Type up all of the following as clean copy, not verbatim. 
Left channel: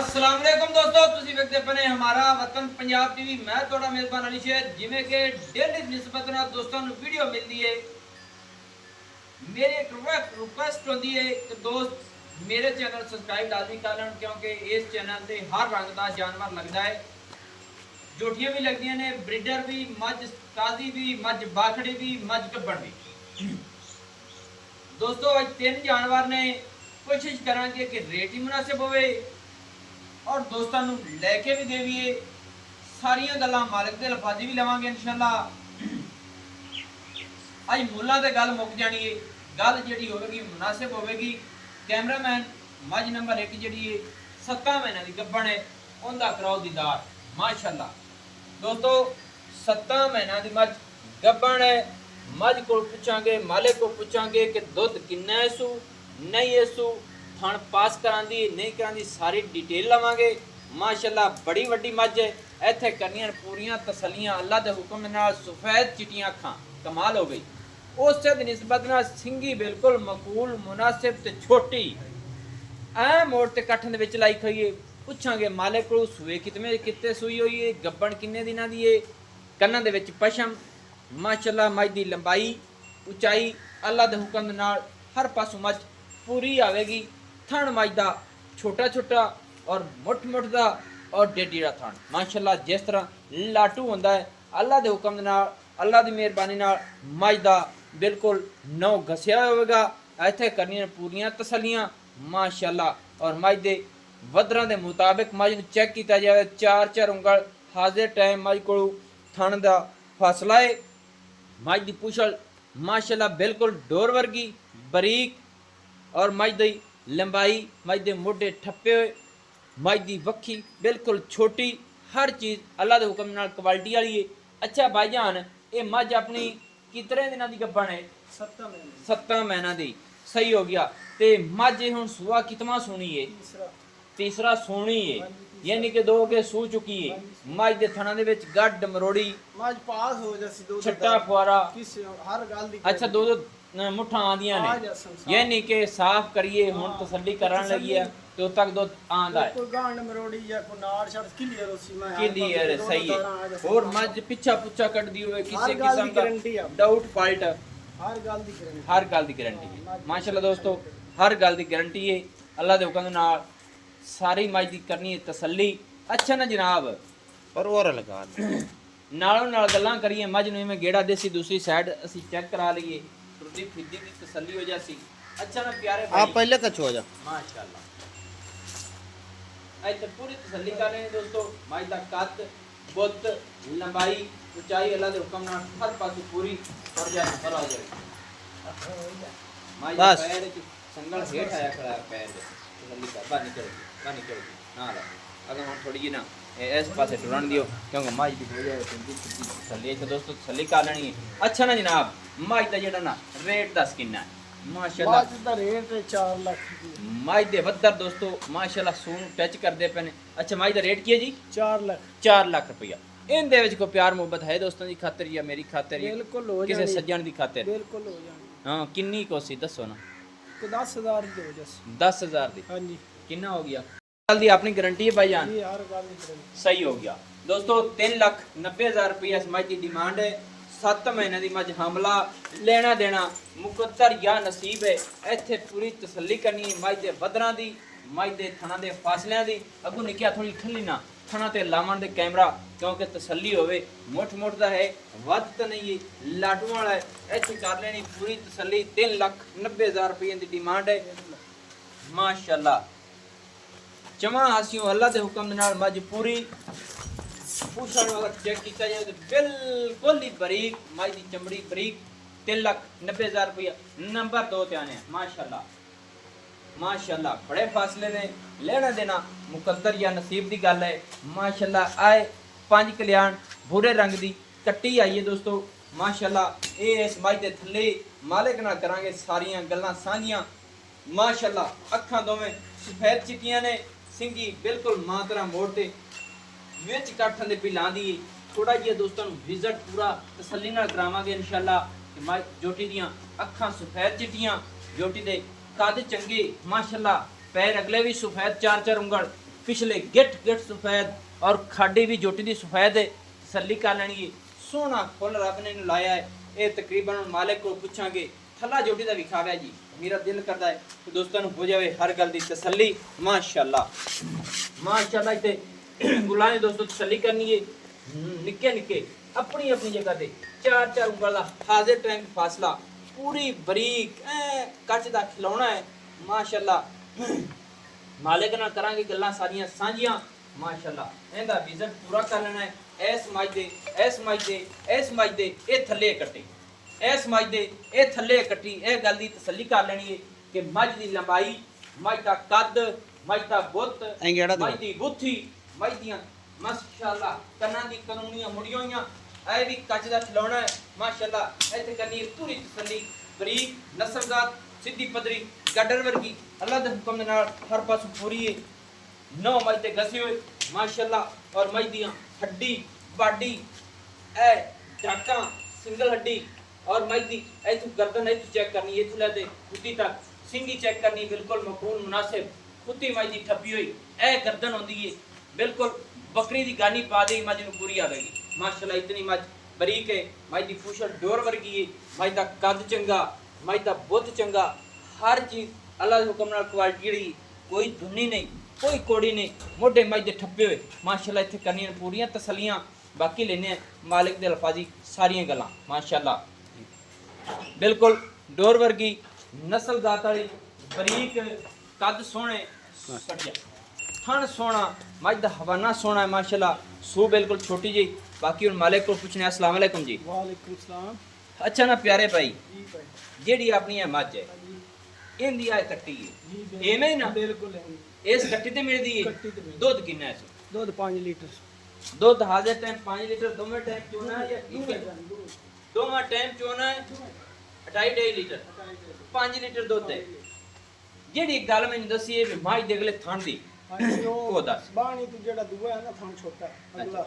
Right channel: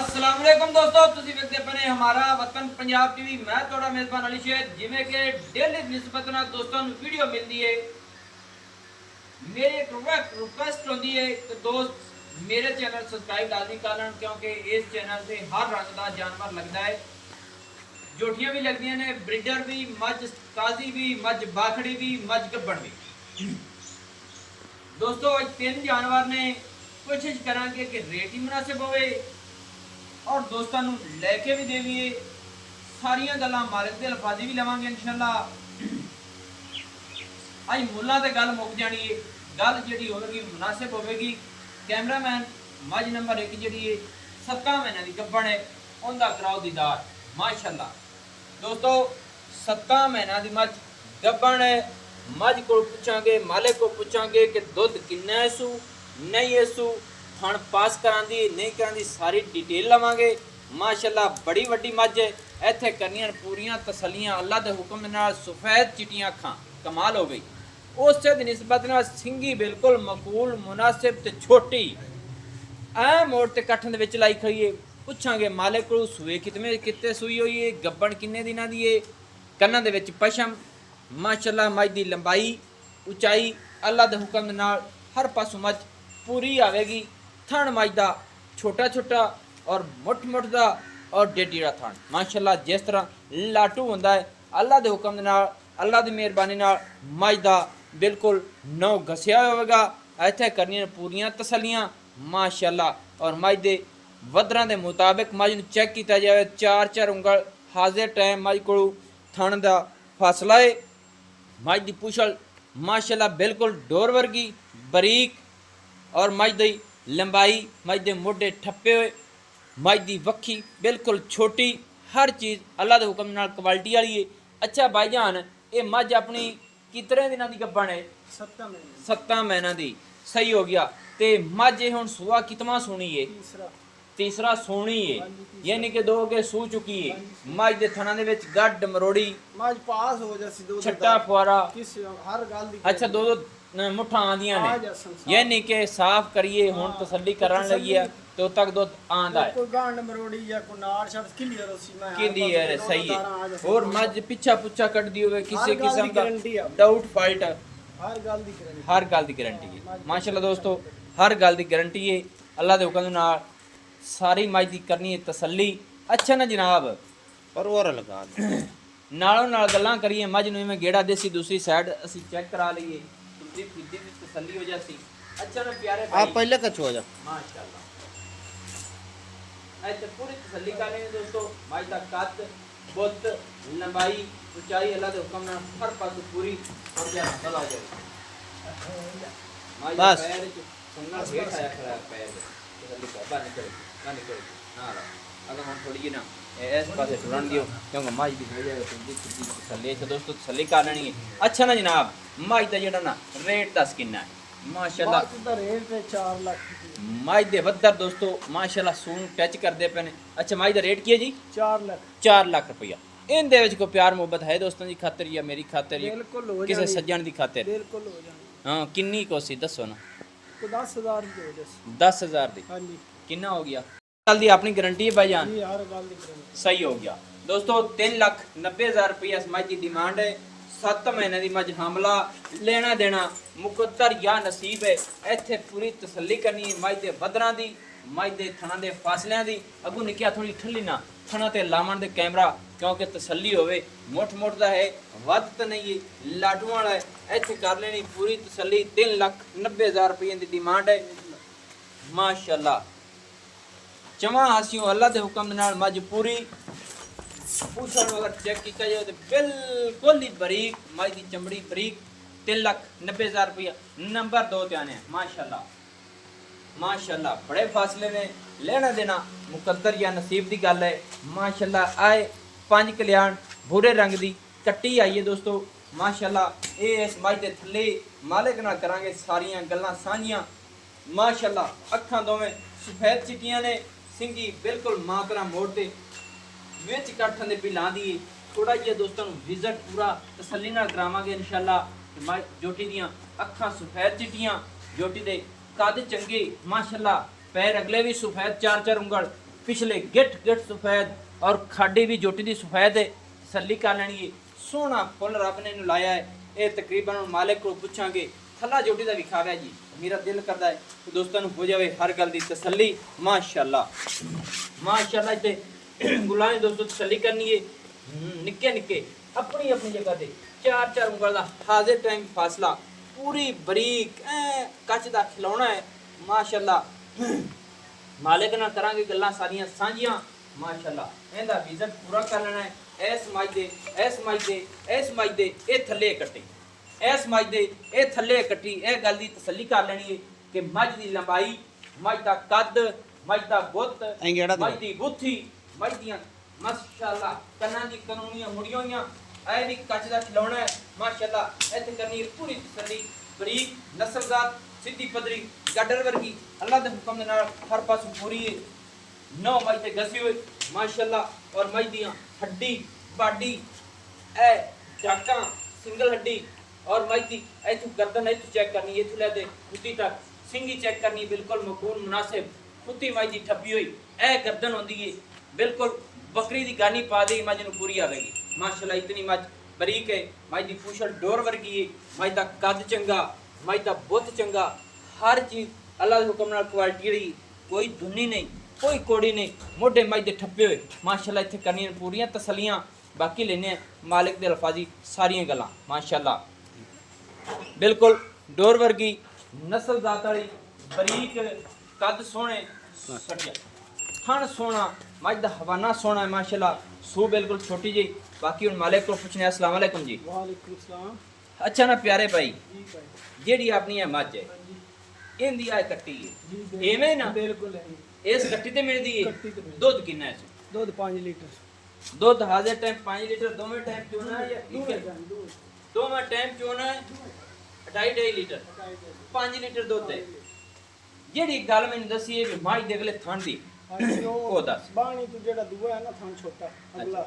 अस्सलाम वालेकुम दोस्तों, ਤੁਸੀਂ ਵੇਖਦੇ ਪਏ ਹਮਾਰਾ ਵਤਨ ਪੰਜਾਬ ਟੀਵੀ। ਮੈਂ ਤੁਹਾਡਾ ਮੇਜ਼ਬਾਨ ਅਲੀ ਸ਼ੇਰ। ਜਿਵੇਂ ਕਿ ਡੇਲੀ ਨਿਸਬਤ ਨਾਲ ਦੋਸਤਾਂ ਨੂੰ ਵੀਡੀਓ ਮਿਲਦੀ ਹੈ, ਮੇਰੀ ਇੱਕ ਰਿਕੁਐਸਟ ਹੁੰਦੀ ਹੈ ਕਿ ਦੋਸਤ ਮੇਰੇ ਚੈਨਲ ਸਬਸਕ੍ਰਾਈਬ ਲਾਜ਼ਮੀ ਕਰਨ, ਕਿਉਂਕਿ ਇਸ ਚੈਨਲ ਤੇ ਹਰ ਰੰਗ ਦਾ ਜਾਨਵਰ ਲੱਗਦਾ ਹੈ। ਜੋਟੀਆਂ ਵੀ ਲੱਗਦੀਆਂ ਨੇ, ਬਰੀਡਰ ਵੀ, ਮੱਝ ਕਾਜ਼ੀ ਵੀ, ਮੱਝ ਬਾਖੜੀ ਵੀ, ਮੱਝ ਗੱਬਣ ਵੀ। ਦੋਸਤੋ ਅੱਜ ਤਿੰਨ ਜਾਨਵਰ ਨੇ, ਕੋਸ਼ਿਸ਼ ਕਰਾਂਗੇ ਕਿ ਰੇਟ ਹੀ ਮੁਨਾਸਿਬ ਹੋਵੇ और दोस्तों लैके भी देवीए। सारिया गल्लां मालिक दे लफाजी भी लवांगे इंशाअल्लाह। अज मुल्लां ते गल मुक जानी है, गल जिहड़ी होवेगी मुनासिब होवेगी। कैमरामैन मझ नंबर 1 जिहड़ी है 7 महीने की गब्बण है, उनका कराओ दीदार माशाअल्लाह। दोस्तों 7 महीने की मझ गब्बण है। मझ को पूछांगे, मालिक को पूछांगे कि दुध किन्ना है सू नहीं है सू, थण पास करांदी नहीं करांदी, सारी डिटेल लवांगे माशाअल्लाह। बड़ी वड्डी मझ है, इत्थे करनियां पूरियां तसल्लियां अल्लाह दे हुक्म नाल। सफेद चिटियां अखां कमाल हो गई। उस दी निस्बत नाल सिंगी बिल्कुल मकबूल मुनासिब ते छोटी ऐ मोड़ ते कट्ठन दे विच लाई खड़ी है। पुछांगे मालिक को सूए कितने सूई होई है, गब्बण किन्ने दिनां दी है, कन्नां दे विच पशम माशाअल्लाह। मझ दी लंबाई उचाई अल्लाह दे हुक्म नाल हर पासों मझ पूरी आवेगी। थण मझ दा छोटा छोटा और मुठ मुठ दा और डेडी दा थण माशाअल्लाह। जिस तरह लाटू होंदा है अल्लाह दे हुक्म नाल, अल्लाह दी मेहरबानी नाल मझ दा बिल्कुल नौ घसिया होवेगा। इत्थे करनियां पूरियां तसल्लियां माशाअल्लाह। और मझ दे वदरां दे मुताबिक मझ नूं चेक कीता जावे, 4 उंगल हाजिर टाइम मझ कोल थण दा फासला है। मझ दी पुछल माशाअल्लाह बिल्कुल डोर वर्गी बरीक, और मझ दी लंबाई, मझ दे मोढे ठप्पे हुए, मझ दी वक्खी बिल्कुल छोटी। हर चीज़ अल्लाह के हुक्म नाल क्वालिटी वाली है। अच्छा भाईजान, ये मझ अपनी कितने दिनों की गब्बण है? 7 महीनों की। सही हो गया। तो मझ हुण सूआ कितना सोनी है? तीसरा सोनी है, यानी कि 2 के सू चुकी है। मझ दे थणा दे विच गड्ड मरोड़ी मझ पास हो जैसे दो छट्टा फुआरा किस हर गल दी। अच्छा 2 मुठा आंदियां ने, यानी कि साफ करिए हुण तसल्ली करन लगी है तो तक दुध आंदा है। कोई गांड मरोड़ी या कोई नाड़ शब्द क्लियर होसी मैं क्लियर है, सही है। और मझ पिछा पुछा कट दी होवे, किसी किस्म का डाउट फाल्ट हर गल दी गारंटी, हर गल दी गारंटी है माशाअल्लाह। दोस्तों हर गल दी गारंटी है अल्लाह दे हुक्म नाल। सारी मझ दी करनी है तसल्ली। अच्छा ना जनाब, पर और लगा नालों नाल गल्लां करिए। मझ नूं इवें गेड़ा देसी दूसरी साइड असीं चेक करा लईए, तुरदी फिरदी दी तसल्ली हो जासी। अच्छा ना प्यारे भाई, आप पहले कछ हो जा माशाअल्लाह ऐ ते पूरी तसल्ली कर रहे हैं दोस्तों। मझ दा कद बुत लंबाई उचाई अल्लाह दे हुक्म नाल हर पासों पूरी और जा नंबर आ जाए। मझ दा बस। पैर च संगल हेठ आया खड़ा है, पैर दे तसल्ली कर बानी कर ना ला। अगर हम थोड़ी जी ना इस पासे टुरन दियो, क्योंकि मझ दी हो जाए तुंदी खुदी तसल्ली। तो दोस्तों तसल्ली कर लेनी है। अच्छा ना जनाब, मझ दा जेड़ा ना रेट दस किन्ना है? माशाअल्लाह मझ दा रेट है 4 लाख की। मझ दे वद्दर दोस्तों माशाअल्लाह सून टच करदे पे ने। अच्छा मझ दा रेट की है जी? 4 लाख 4 लाख रुपया। इनदे विच कोई प्यार मुहब्बत है दोस्तों दी खातिर या मेरी खातिर या बिल्कुल हो किसी जानी, सज्जन दी खातिर? बिल्कुल हो जानी। हाँ किन्नी कोसी दसो ना। तो 10,000 दे जैसे। 10,000 दी हां जी किन्ना हो गया? गल दी अपनी गारंटी है भाईजान, जी हर गल दी गारंटी। सही हो गया। दोस्तों 3,90,000 रुपया इस मझ की डिमांड है। 7 महीने की मझ हमला लेना देना मुकद्दर या नसीब है। इत्थे पूरी तसल्ली करनी है मझ दे वदरां दी, मझ दे थणा दे फासलियां दी। अगू निकिया थोड़ी ठल्ली ना थणा ते लावण दे कैमरा, क्योंकि तसल्ली होवे। मुठ मुठ दा है, वध तो नहीं है, लाडू वाला है। इत्थे कर लेनी पूरी तसल्ली। 3,90,000 रुपये की डिमांड है माशाअल्लाह। चवा हासियों अल्लाह के हुक्म नाल मझ पूरी पूछण अगर चेक किया जाए तो बिल्कुल ही बरीक मझ की चमड़ी बरीक। 3,90,000 रुपया। नंबर 2 ते आने माशाअल्लाह माशाअल्लाह। बड़े फासले ने लेना देना मुकद्दर या नसीब की गल है माशाअल्लाह। आए 5 कल्याण भूरे रंग की कट्टी आई है दोस्तों माशाअल्लाह। ये इस मझ के थले मालिक नाल करांगे सारियां गल्लां साझियां माशाअल्लाह। अखां दोवें सफेद चिट्टियां ने, सिंगी बिल्कुल मां तरह मोड़ते विच कट्ठन दे पिलां दी। थोड़ा जिहा दोस्तों विजिट पूरा तसल्ली नाल करावांगे इंशाअल्लाह। माई जोटी दियां अखां सफेद चिट्टियां, जोटी दे कद चंगे माशाअल्लाह। पैर अगले भी सफेद 4 उंगल, ਪਿਛਲੇ ਗਿੱਠ ਸਫੈਦ ਔਰ ਖਾਡੀ ਵੀ ਜੋਟੀ ਦੀ ਸਫੈਦ ਹੈ ਤਸੱਲੀ ਕਰ ਲੈਣੀ ਹੈ ਸੋਹਣਾ ਫੁੱਲ ਰੱਬ ਨੇ ਇਹਨੂੰ ਲਾਇਆ ਹੈ ਇਹ ਤਕਰੀਬਨ ਹੁਣ ਮਾਲਕ ਕੋਲ ਪੁੱਛਾਂਗੇ ਥੱਲਾ ਜੋਟੀ ਦਾ ਵਿਖਾਵਾ ਜੀ ਮੇਰਾ ਦਿਲ ਕਰਦਾ ਹੈ ਕਿ ਦੋਸਤਾਂ ਨੂੰ ਹੋ ਜਾਵੇ ਹਰ ਗੱਲ ਦੀ ਤਸੱਲੀ ਮਾਸ਼ਾਅੱਲਾ ਮਾਸ਼ਾਅੱਲਾ ਤੇ ਗੁਲਾਮ ਦੋਸਤੋ ਤਸੱਲੀ ਕਰਨੀ ਹੈ ਨਿੱਕੇ ਨਿੱਕੇ ਆਪਣੀ ਆਪਣੀ ਜਗ੍ਹਾ ਤੇ 4 ਉਂਗਲ ਦਾ ਹਾਜ਼ਰ ਟਾਈਮ ਫਾਸਲਾ ਪੂਰੀ ਬਰੀਕ ਕੱਚ ਦਾ ਖਿਲਾਉਣਾ ਹੈ ਮਾਸ਼ਾਅੱਲਾ ਮਾਲਕ ਨਾਲ ਕਰਾਂਗੇ ਗੱਲਾਂ ਸਾਰੀਆਂ ਸਾਂਝੀਆਂ ਮਾਸ਼ਾਅੱਲਾ ਇਹਦਾ ਵਿਜ਼ਨ ਪੂਰਾ ਕਰ ਲੈਣਾ ਹੈ ਇਸ ਮੱਝ ਦੇ ਇਹ ਥੱਲੇ ਕੱਟੇ ਇਸ ਮੱਝ ਦੇ ਇਹ ਥੱਲੇ ਕੱਟੀ ਇਹ ਗੱਲ ਦੀ ਤਸੱਲੀ ਕਰ ਲੈਣੀ ਹੈ ਕਿ ਮੱਝ ਦੀ ਲੰਬਾਈ ਮੱਝ ਦਾ ਕੱਦ ਮੱਝ ਦਾ ਬੁੱਤ ਮੱਝ ਦੀ ਗੁੱਥੀ ਮੱਝ ਦੀਆਂ ਮਾਸ਼ਾਅੱਲਾ ਕੰਨਾਂ ਦੀ ਕਾਨੂੰਨੀਆਂ ਮੁੜੀਆਂ ਹੋਈਆਂ ਇਹ ਵੀ ਕੱਚ ਦਾ ਖਿਲਾਉਣਾ ਹੈ ਮਾਸ਼ਾਅੱਲਾ ਇੱਥੇ ਕਰਨੀ ਪੂਰੀ ਤਸੱਲੀ ਬਰੀਕ ਨਸਬਜ਼ਾਤ ਸਿੱਧੀ ਪਦਰੀ ਗੱਡਰ ਵਰਗੀ ਅੱਲਾਹ ਦੇ ਹੁਕਮ ਦੇ ਨਾਲ ਹਰ ਪਾਸੋਂ ਪੂਰੀ ਹੈ 9 ਮੱਝ ਤੇ ਗਸੇ ਹੋਏ ਮਾਸ਼ਾਅੱਲਾ ਔਰ ਮੱਝ ਦੀਆਂ ਹੱਡੀ ਬਾਡੀ ਇਹ ਡਾਕਾਂ ਸਿੰਗਲ ਹੱਡੀ और मई दी ऐथु गर्दन ऐथु चेक करनी ऐथु ले दे खुदी तक सिंगी चेक करनी बिल्कुल मकून मुनासिब खुदी मई दी ठप्पी हुई ए गर्दन होंदी है बिल्कुल बकरी दी गानी पा दे मज नु पूरी आवेगी माशाल्लाह इतनी मज बरीक है मई दी पूछल डोर वर्गी है मई दा कद चंगा मई दा बुत चंगा हर चीज अल्लाह दे हुक्म नाल क्वालिटी रही कोई धुनी नहीं कोई कोड़ी नहीं मोढे मई दे ठप्पे हुए माशाल्लाह इत्थे करनी पूरियां तसलियां बाकी लेने मालिक दे अल्फाजी सारियां गल्लां माशाल्लाह बिल्कुल डोर वर्गी नस्ल जात वाली बरीक कद सोहने सटिया थण सोहना मझ दा हवाना सोहना है माशाल्लाह सू बिल्कुल छोटी जी बाकी हुण मालिक को पूछने अस्सलाम वालेकुम जी वालेकुम सलाम अच्छा ना प्यारे भाई जी भाई जेड़ी अपनी है मझ है इंदी आ कट्टी है एवें ना बिल्कुल है इस कट्टी ते मिलदी है कट्टी ते मिलदी दूध कितना है इस दूध 5 लीटर दूध हाजिर टाइम 5 लीटर दोवें टाइम चोना है या ठीक है दोवें टाइम चोना है 2.5 लीटर 5 लीटर दुध है जेड़ी गल मैंने दसी है भी माई देख ले थन दी ਹਾਂਜੀ ਉਹ ਦੱਸ। ਬਾਣੀ ਤੋਂ ਜਿਹੜਾ ਦੂਆ ਹੈ ਨਾ ਥਾਂ ਛੋਟਾ ਅਗਲਾ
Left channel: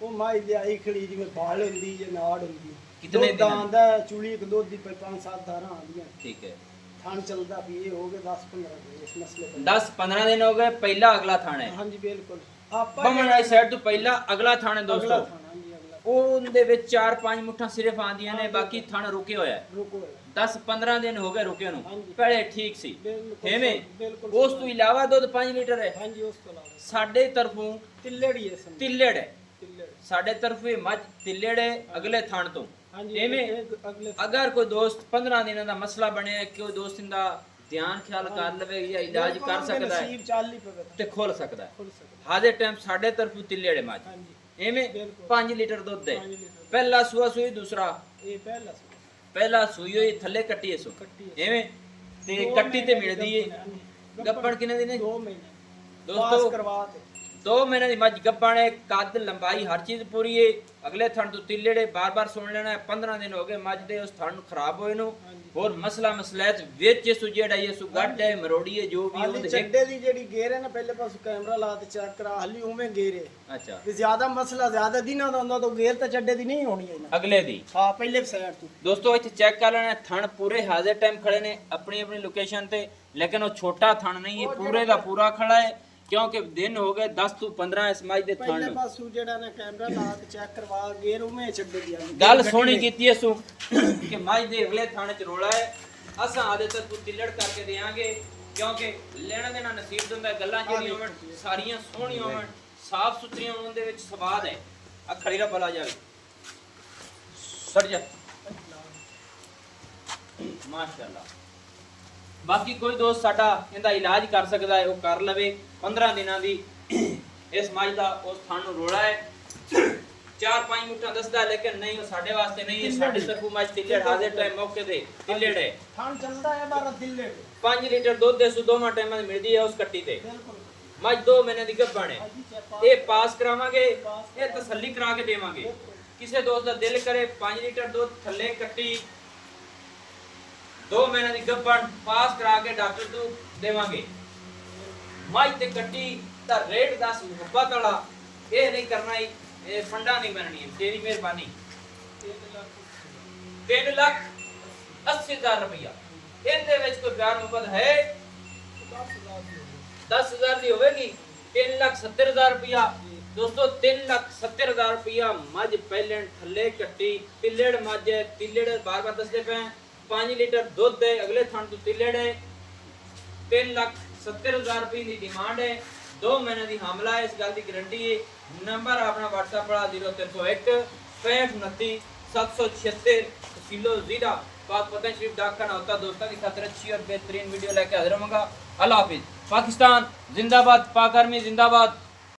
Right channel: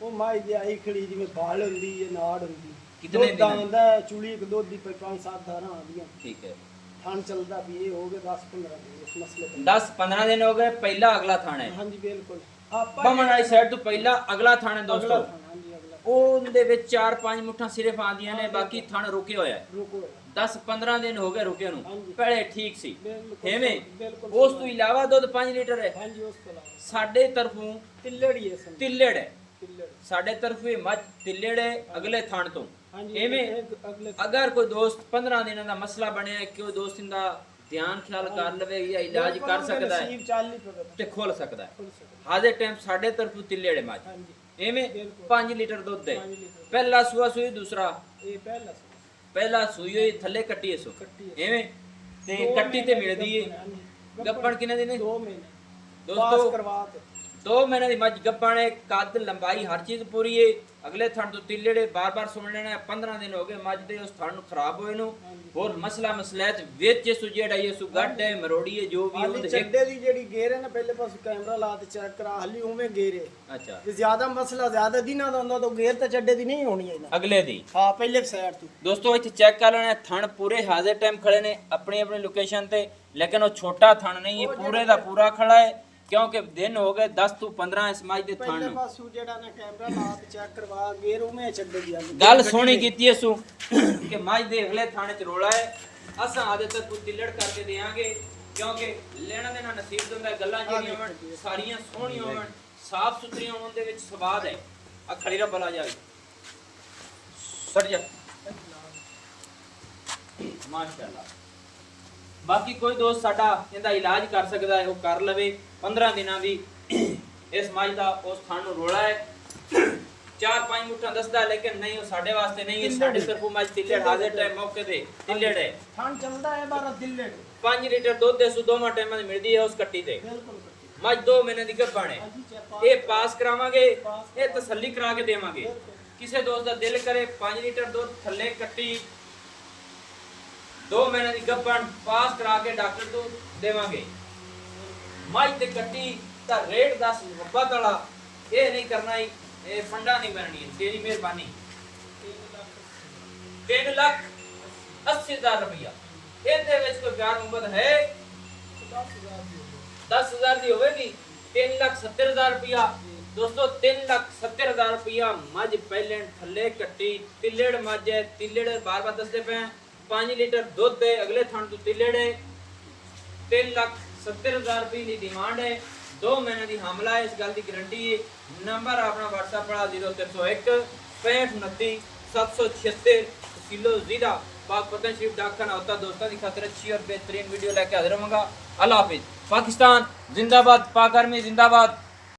ਉਹ ਮਾਈ ਦੇ ਆਈ ਖੜੀ ਜਿਵੇਂ ਬਾਲ ਹੁੰਦੀ ਜਾਂ ਨਾੜ ਹੁੰਦੀ ਕਿਤਨੇ ਦੁੱਧ ਦਿਨ? ਆਂਦਾ ਚੁਲੀ ਇੱਕ ਦੁੱਧ ਦੀ 5-7 ਧਾਰਾਂ ਆਂਦੀਆਂ ठीक है ਥਾਂ ਚੱਲਦਾ ਵੀ ਇਹ ਹੋ ਗਏ 10-15 ਦਿਨ ਇਸ ਮਸਲੇ ਤੇ 10 15 दिन हो गए पहला अगला थाना है ਹਾਂਜੀ ਬਿਲकुल ਆਪਾਂ बमन वाली साइड तो पहला अगला थाना है ਅਗਲਾ दोस्तों ਥਾਂ ਹਾਂਜੀ ਅਗਲਾ ਉਹਦੇ ਵਿੱਚ 4-5 ਮੁੱਠਾਂ ਸਿਰਫ ਆਂਦੀਆਂ ਨੇ ਬਾਕੀ ਥਣ ਰੁਕੇ ਹੋਇਆ ਹੈ ਰੁਕੋ 10-15 ਦਿਨ ਹੋ ਗਏ ਰੁਕੇ ਨੂੰ ਹਾਂਜੀ। ਪਹਿਲੇ ਠੀਕ ਸੀ ਬਿਲਕੁਲ ਐਵੇਂ ਬਿਲਕੁਲ ਉਸ ਤੋਂ ਇਲਾਵਾ ਦੁੱਧ 5 ਲੀਟਰ ਹੈ ਹਾਂਜੀ ਉਸ ਤੋਂ ਇਲਾਵਾ ਸਾਡੇ ਤਰਫੋਂ ਤਿੱਲੜੀ ਹੈ ਸਮਝ ਤਿੱਲੜ ਹੈ ਤਿੱਲੜ ਸਾਡੇ ਤਰਫੋਂ ਇਹ ਮੱਝ ਤਿੱਲੜ ਹੈ ਅਗਲੇ ਥਣ ਤੋਂ ਹਾਂਜੀ ਐਵੇਂ ਇਹ ਅਗਲੇ ਅਗਰ ਕੋਈ ਦੋਸਤ 15 ਦਿਨਾਂ ਦਾ ਮਸਲਾ ਬਣਿਆ ਹੈ ਕਿ ਉਹ ਦੋਸਤ ਦਾ ਧਿਆਨ ਖਿਆਲ ਕਰ ਲਵੇ ਜਾਂ ਇਲਾਜ ਕਰ ਸਕਦਾ ਹੈ ਨਸੀਬ ਚੱਲ ਨਹੀਂ ਪਵੇ ਤੇ ਖੋਲ ਸਕਦਾ ਹੈ ਖੁੱਲ ਸਕਦਾ ਹਾਜ਼ਰ ਟਾਈਮ ਸਾਡੇ ਤਰਫੋਂ ਤਿੱਲੜ ਹੈ ਮੱਝ ਹਾਂਜੀ ਐਵੇਂ ਬਿਲਕੁਲ। 5 ਲੀਟਰ ਦੁੱਧ ਹੈ 5 ਲੀਟਰ ਪਹਿਲਾ ਸੂਆ ਸੂਈ ਦੂਸਰਾ ਇਹ ਪਹਿਲਾ ਸੀ ਪਹਿਲਾ ਸੂਈ ਹੋਈ ਥੱਲੇ ਕੱਟੀ ਹੈ ਸੋ ਕੱਟੀ ਹੈ। ਐਵੇਂ ਤੇ ਦੋ ਕੱਟੀ ਤੇ ਮਹੀਨੇ ਮਿਲਦੀ ਗੱਭਣ ਹੈ ਹਾਂਜੀ। ਗੱਪਣ ਕਿੰਨੇ ਦਿਨ 2 ਮਹੀਨੇ ਦੋਸਤੋ ਪਾਸ ਕਰਵਾ ਤੇ 2 ਮਹੀਨੇ ਦੀ ਮੱਝ ਗੱਪਣ ਹੈ ਕੱਦ ਲੰਬਾਈ ਹਰ ਚੀਜ਼ ਪੂਰੀ ਹੈ ਅਗਲੇ ਥਣ ਤੋਂ ਤਿੱਲੜੇ ਬਾਰ-ਬਾਰ ਸੁਣ ਲੈਣਾ ਹੈ 15 ਦਿਨ ਹੋ ਗਏ ਮੱਝ ਦੇ ਉਸ ਥਣ ਨੂੰ ਖਰਾਬ ਹੋਏ ਨੂੰ ਹਾਂਜੀ। ਹੋਰ ਮਸਲਾ ਮਸਲੈਤ ਵਿੱਚ ਇਸ ਜਿਹੜਾ ਇਹ ਸੂ ਗੱਡ ਹੈ ਮਰੋੜੀ ਹੈ ਜੋ ਵੀ ਹਾਲੀ ਉਹਦੇ ਚੱਡੇ ਦੀ ਜਿਹੜੀ ਗੇਰ ਹੈ ਨਾ ਪਹਿਲੇ ਪਾਸ ਕੈਮਰਾ ਲਾ ਤੇ ਚੈੱਕ ਕਰਾ ਹਾਲੀ ਉਵੇਂ ਗੇਰ ਹੈ ਅੱਛਾ ਵੀ ਜ਼ਿਆਦਾ ਮਸਲਾ ਜ਼ਿਆਦਾ ਦਿਨਾਂ ਦਾ ਹੁੰਦਾ ਤਾਂ ਗੇਰ ਤਾਂ ਚੱਡੇ ਦੀ ਨਹੀਂ ਹੋਣੀ ਇਹਨਾਂ ਅਗਲੇ ਦੀ ਹਾਂ ਪਹਿਲੇ ਸਾਈਡ ਤੋਂ ਦੋਸਤੋ ਇੱਥੇ ਚੈੱਕ ਕਰ ਲੈਣਾ ਥਣ ਪੂਰੇ ਹਾਜ਼ਰ ਟਾਈਮ ਖੜੇ ਨੇ ਆਪਣੀ ਆਪਣੀ ਲੋਕੇਸ਼ਨ ਤੇ ਲੇਕਿਨ ਉਹ ਛੋਟਾ ਥਣ ਨਹੀਂ ਹੈ ਪੂਰੇ ਦਾ ਪੂਰਾ ਖੜਾ ਹੈ ਕਿਉਂਕਿ ਦਿਨ ਹੋ ਗਏ 10 ਤੋਂ 15 ਇਸ ਮੱਝ ਦੇ ਥਣ ਪਹਿਲੇ ਨੂੰ ਪਾਸੋਂ ਜਿਹੜਾ ਨਾ ਕੈਮਰਾ ਲਾ ਤੇ ਚੈੱਕ ਕਰਵਾ ਗੇਰ ਉਵੇਂ ਚੱਡੇ ਦੀ ਆਂਦੀ ਗੱਲ ਸੋਹਣੀ ਕੀਤੀ ਐ ਸੂ ਕਿ ਮੱਝ ਦੇ ਅਗਲੇ ਥਾਣੇ ਚ ਰੋਲਾ ਹੈ ਅਸਾਂ ਆਦੇ ਤੱਕ ਕੋਈ ਤਿੱਲੜ ਕਰਕੇ ਦੇਾਂਗੇ ਕਿਉਂਕਿ ਲੈਣਾ ਦੇਣਾ ਨਸੀਬ ਦੇ ਹੁੰਦਾ ਗੱਲਾਂ ਜਿਹੜੀਆਂ ਹੋਣ ਸਾਰੀਆਂ ਸੋਹਣੀਆਂ ਹੋਣ ਸਾਫ਼ ਸੁਥਰੀਆਂ ਹੋਣ ਦੇ ਵਿੱਚ ਸਵਾਦ ਹੈ ਆ ਖੜੀ ਰਾ ਬਲਾ ਜਾਵੇ ਸਰ ਜਾ ਮਾਸ਼ਾਅੱਲਾ ਬਾਕੀ ਕੋਈ ਦੋਸਤ ਸਾਡਾ ਇਹਦਾ ਇਲਾਜ ਕਰ ਸਕਦਾ ਹੈ ਉਹ ਕਰ ਲਵੇ 15 ਦਿਨਾਂ ਦੀ ਇਸ ਮੱਝ ਦਾ ਉਸ ਥਣ ਨੂੰ ਰੋਲਾ ਹੈ 4-5 ਮੁੱਠਾਂ ਦੱਸਦਾ ਲੇਕਿਨ ਨਹੀਂ ਉਹ ਸਾਡੇ ਵਾਸਤੇ ਨਹੀਂ ਹੈ ਸਾਡੇ ਤਰਫੋਂ ਮੱਝ ਤਿੱਲੜ ਹਾਜ਼ਰ ਟਾਈਮ ਮੌਕੇ ਤੇ ਤਿੱਲੜ ਹੈ ਥਣ ਚੱਲਦਾ ਹੈ 12 ਦਿਲੇ 5 ਲੀਟਰ ਦੁੱਧ ਦੇ ਸੂ ਦੋਵਾਂ ਟਾਈਮਾਂ ਦੀ ਮਿਲਦੀ ਹੈ ਉਸ ਕੱਟੀ ਤੇ ਬਿਲਕੁਲ ਮੱਝ 2 ਮਹੀਨੇ ਦੀ ਗੱਭਣ ਹੈ ਹਾਂਜੀ ਚੈੱਕ ਇਹ ਪਾਸ ਕਰਾਵਾਂਗੇ ਇਹ ਤਸੱਲੀ ਕਰਾ ਕੇ ਦੇਵਾਂਗੇ ਕਿਸੇ ਦੋਸਤ ਦਾ ਦਿਲ ਕਰੇ 5 ਲੀਟਰ ਦੁੱਧ ਥੱਲੇ ਕੱਟੀ 2 ਮਹੀਨੇ ਦੀ ਗੱਭਣ ਪਾਸ ਕਰਾ ਕੇ ਡਾਕਟਰ ਤੋਂ ਦੇਵਾਂਗੇ ਮੱਝ ਤੇ ਕੱਟੀ ਤਾਂ ਰੇਟ 10 ਮੁਹੱਬਤ ਵਾਲਾ ਇਹ ਨਹੀਂ ਕਰਨਾ ਹੀ ਇਹ ਫੰਡਾ ਨਹੀਂ ਬਣਨੀ ਤੇਰੀ ਮਿਹਰਬਾਨੀ 3,80,000 ਰੁਪਇਆ ਇਹਦੇ ਵਿੱਚ ਕੋਈ ਪਿਆਰ ਮੁਹੱਬਤ ਹੈ 10,000 ਦੀ ਹੋਵੇਗੀ 3,70,000 रुपया दोस्तों 3,70,000 रुपया मझ पहले थले कट्टी तिल्लेड़ मझ है तिल्लेड़ बार बार दसते पे 5 लीटर दूध है अगले थान तो तिल्लेड़ है 3,70,000 रुपये की डिमांड है 2 महीने की हमला है इस गल की गारंटी है नंबर अपना व्हाट्सएप पड़ा 0301 65 29 776 किलो जीरा पाक पतन शरीफ डाक खाना होता दोस्तों की खातिर अच्छी और बेहतरीन वीडियो लेके हाजिर होऊंगा अल्लाह हाफिज पाकिस्तान जिंदाबाद पाक आर्मी जिंदाबाद